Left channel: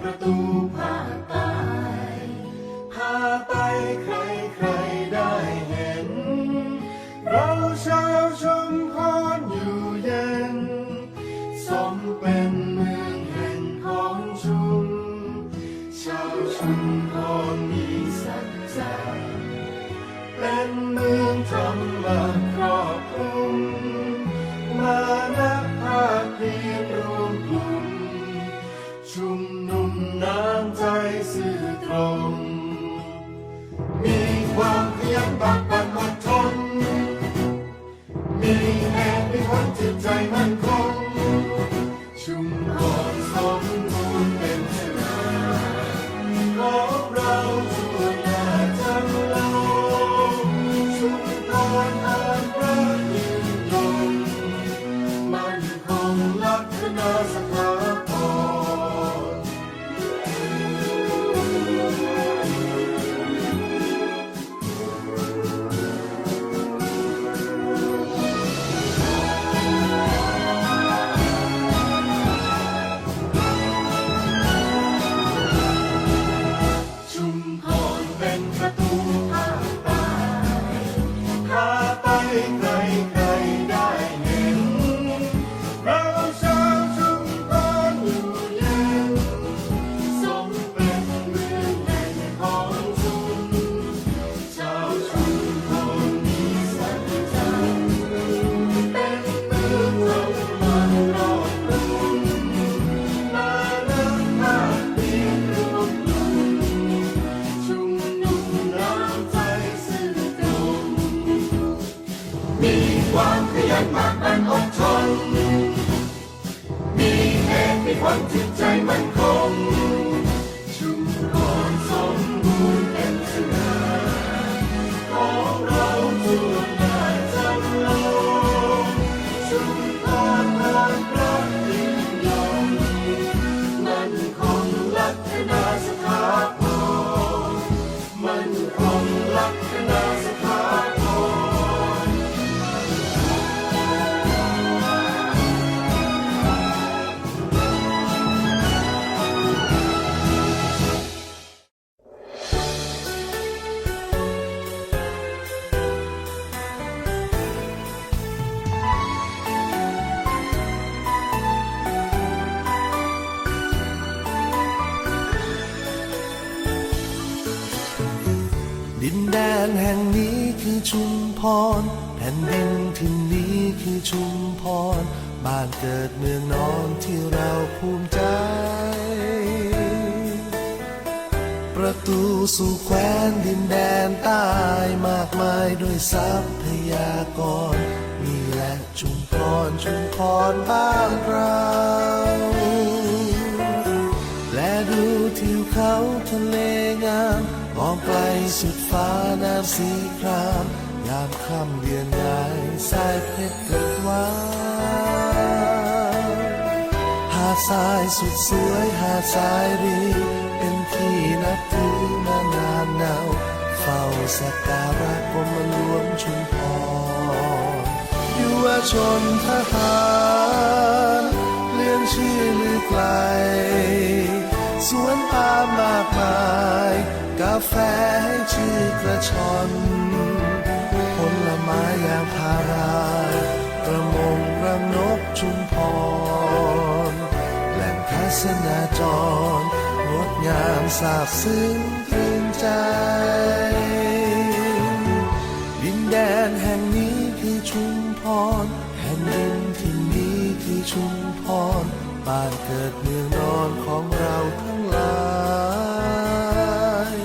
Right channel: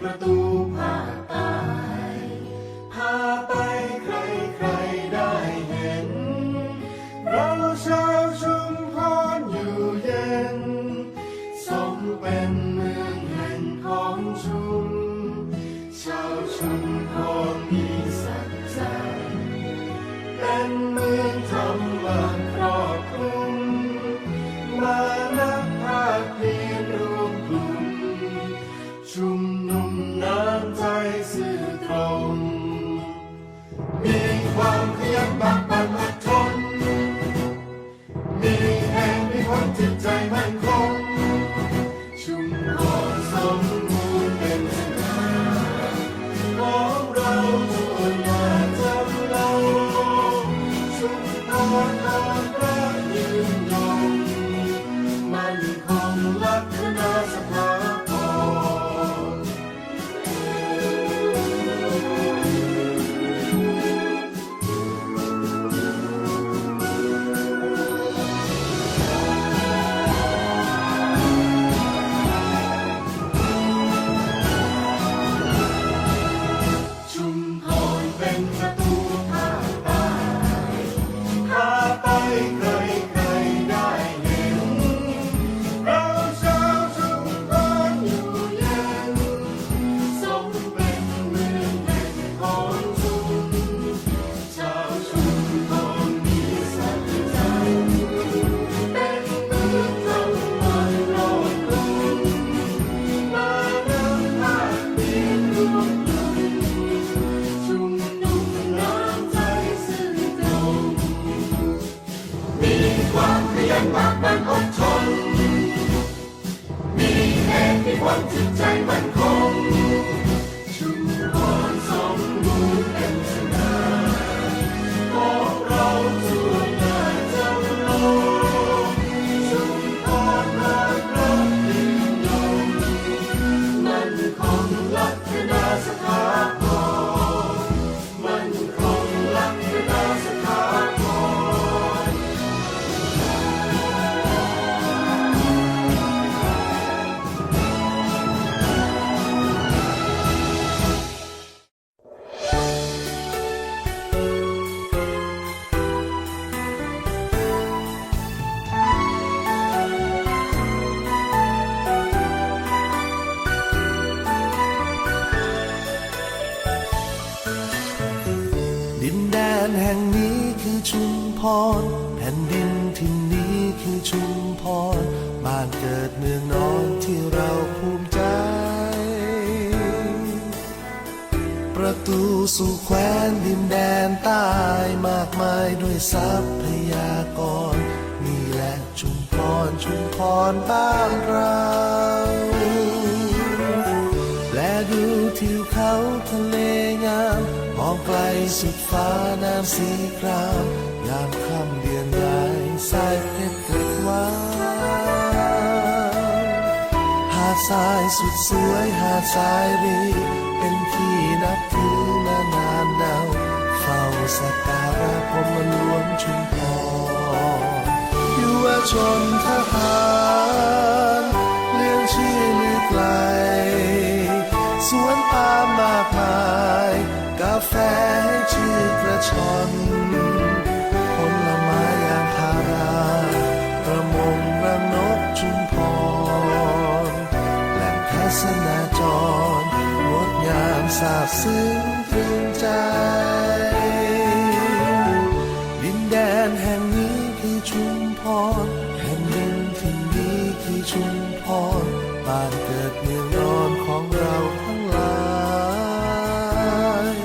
ประตูภาคใต้พาไปใครใครได้เห็น เราชาวชุมพรอยู่เย็น สมเป็นเมืองแห่งของชุม ชาวชุมพรมีสัจจะ ความขยันบักบันอดทน มีแห่งมีคนจิตใจมั่นคง ชุมพรสม ความขยันมากมันอดทน มีเหตุมีผลจิตใจมั่นคง ชุมพรสมบูรณ์เป็นสง่าของเราทั่ว แห่งนี้คือชุมพร แผ่นดินที่นนี้คือชุมพร บ้านเกิดเมืองนอนที่เราภูมิใจ ประตูสู่แคว้นดินแดนใต้มากมายด้วยทรัพยากร นี่แหละชุมพรชุมพรบ้านเรา ดูทิวเขาทะเลงาม มองไกลสุดฟ้าน้ำสีคราม ยามค่ำเดือนงายสายเพชรเกิดวาวหาดทรายสุดสวยหาดทรายรี เป็นที่นับถือมานานนาวเฝ้าสักการะกรมหลวงชุมพรยุวชนทหาร สวนปามมากมาย กาแฟให้ชื่อกระชอนผลไม้ยางพารา ประมงรังนกชุมพร แหล่งทัศนาจรงดงามสาบซึ้งตรึงใจ ดินแดนแห่งนี้คือชุมพร แผ่นดินที่นี้คือชุม พรบ้านเกิดเมืองนอนของเราทั้งหลาย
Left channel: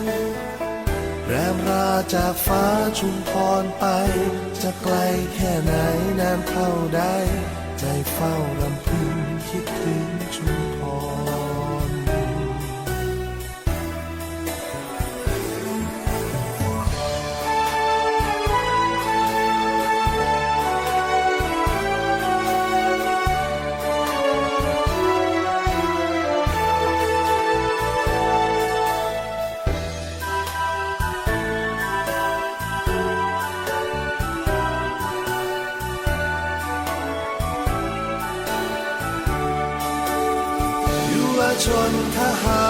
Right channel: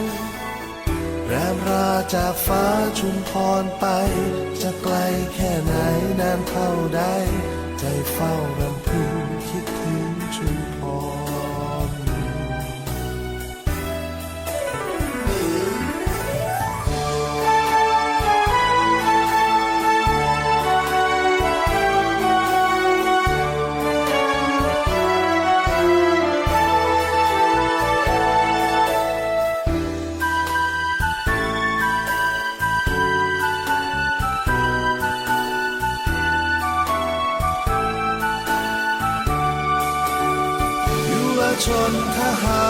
แรมราจากฟ้าชุมพรไป จะไกลแค่ไหนนานเท่าใด ใจเฝ้ารำพึงคิดถึงชุมพร ชนทหา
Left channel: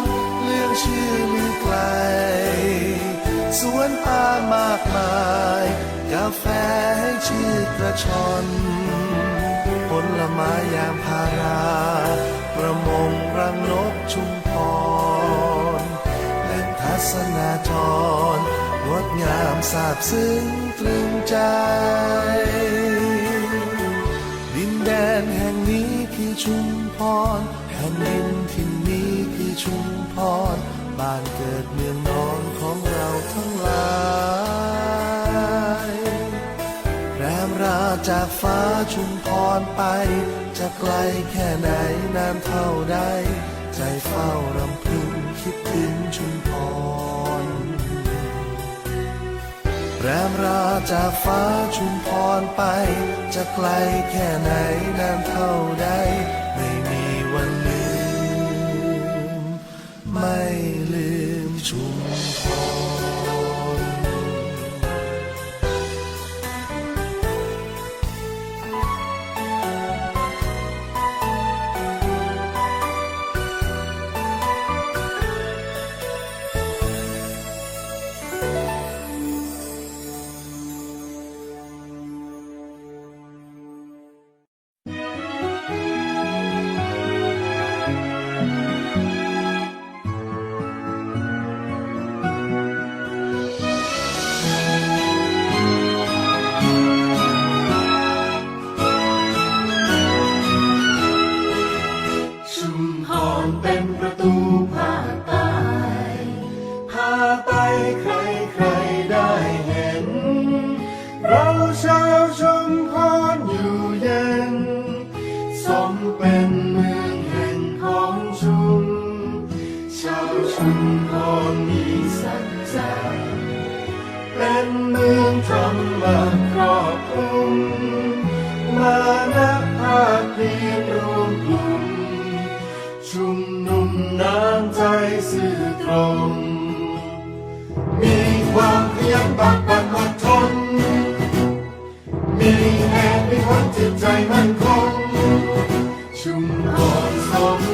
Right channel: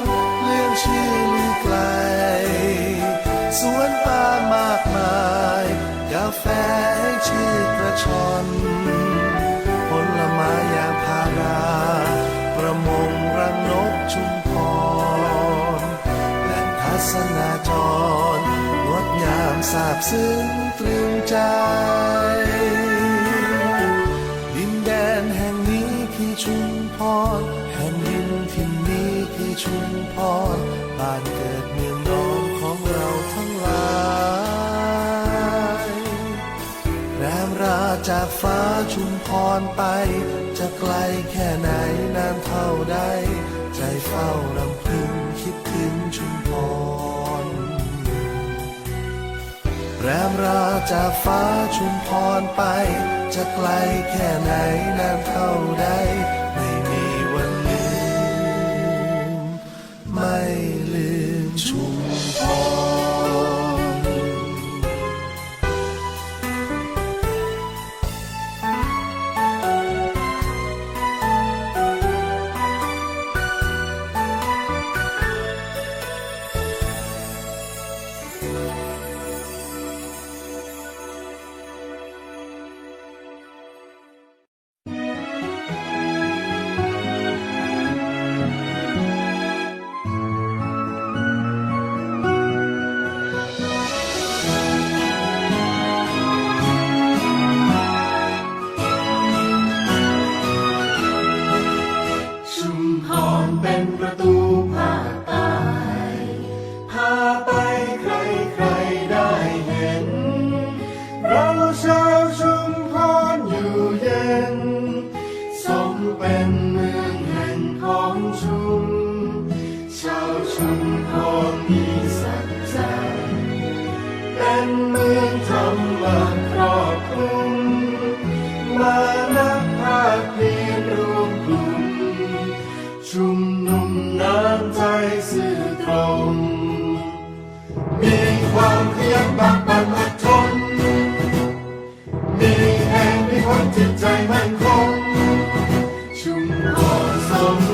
รเรื่องชื่อลือไกล สวนป่ามากมายกาแฟให้ชื่อกระชอนผลไม้ยางพารา ประมงรังนกชุมพรแหล่งทัศนาจรงดงามสาบซึ้งตรึงใจ ดินแดนแห่งนี้คือชุม รแผ่นดินที่นี้คือชุมพร บ้านเกิดเมืองนอนของเราทั้งหลายแรมราจากฟ้าชุมพรไป จะไกลแค่ไหนนานเท่าใด ใจเฝ้ารำพึงคิดถึงชุมพร แรมราจากฟ้าชุมพรไป จะไกลแค่ไหนนานเท่าใด เป็นเมืองแห่งของชุม ชาวชุมพรมีสัจจะเป็นเมืองธรรมะครอบคลุม มานักภาคเพียรรวมกลุ่ม ชุมนุมน้ำใจสื่อตรง มีความขยันบักบันอดทน มีแห่งมีคนจิตใจมั่นคง ชุมพ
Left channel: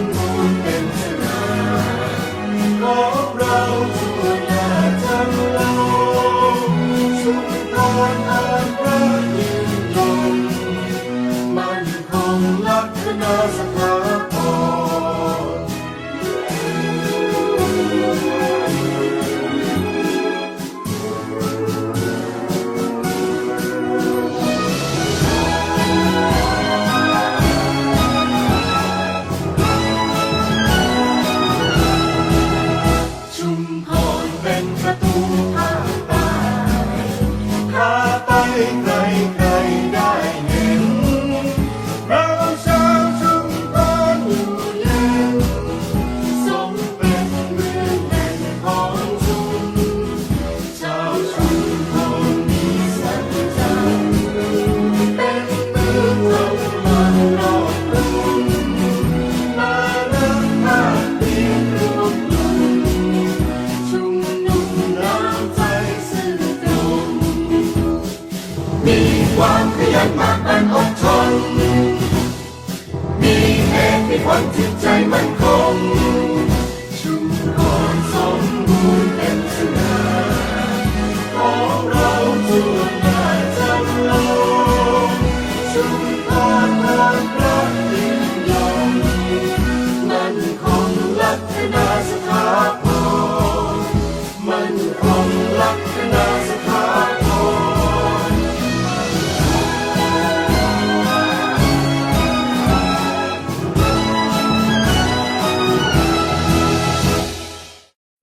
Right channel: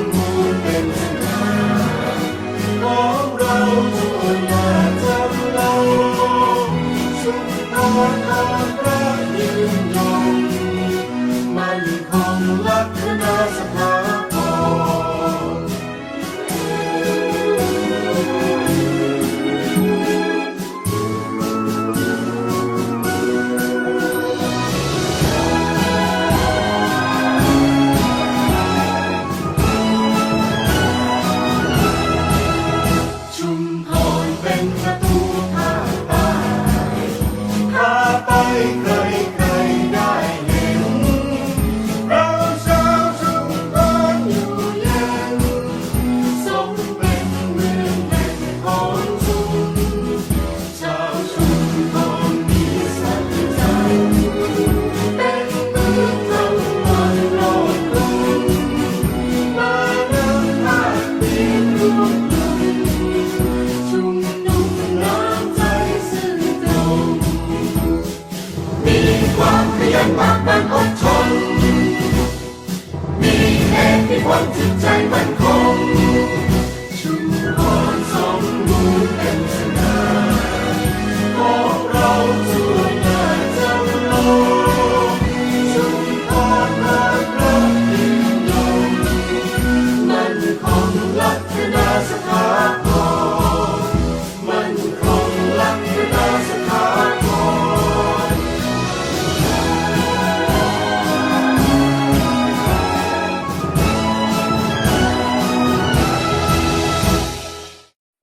ไวันที่ใจมั่นคงชุมพรสมบูรณ์เป็นสน่า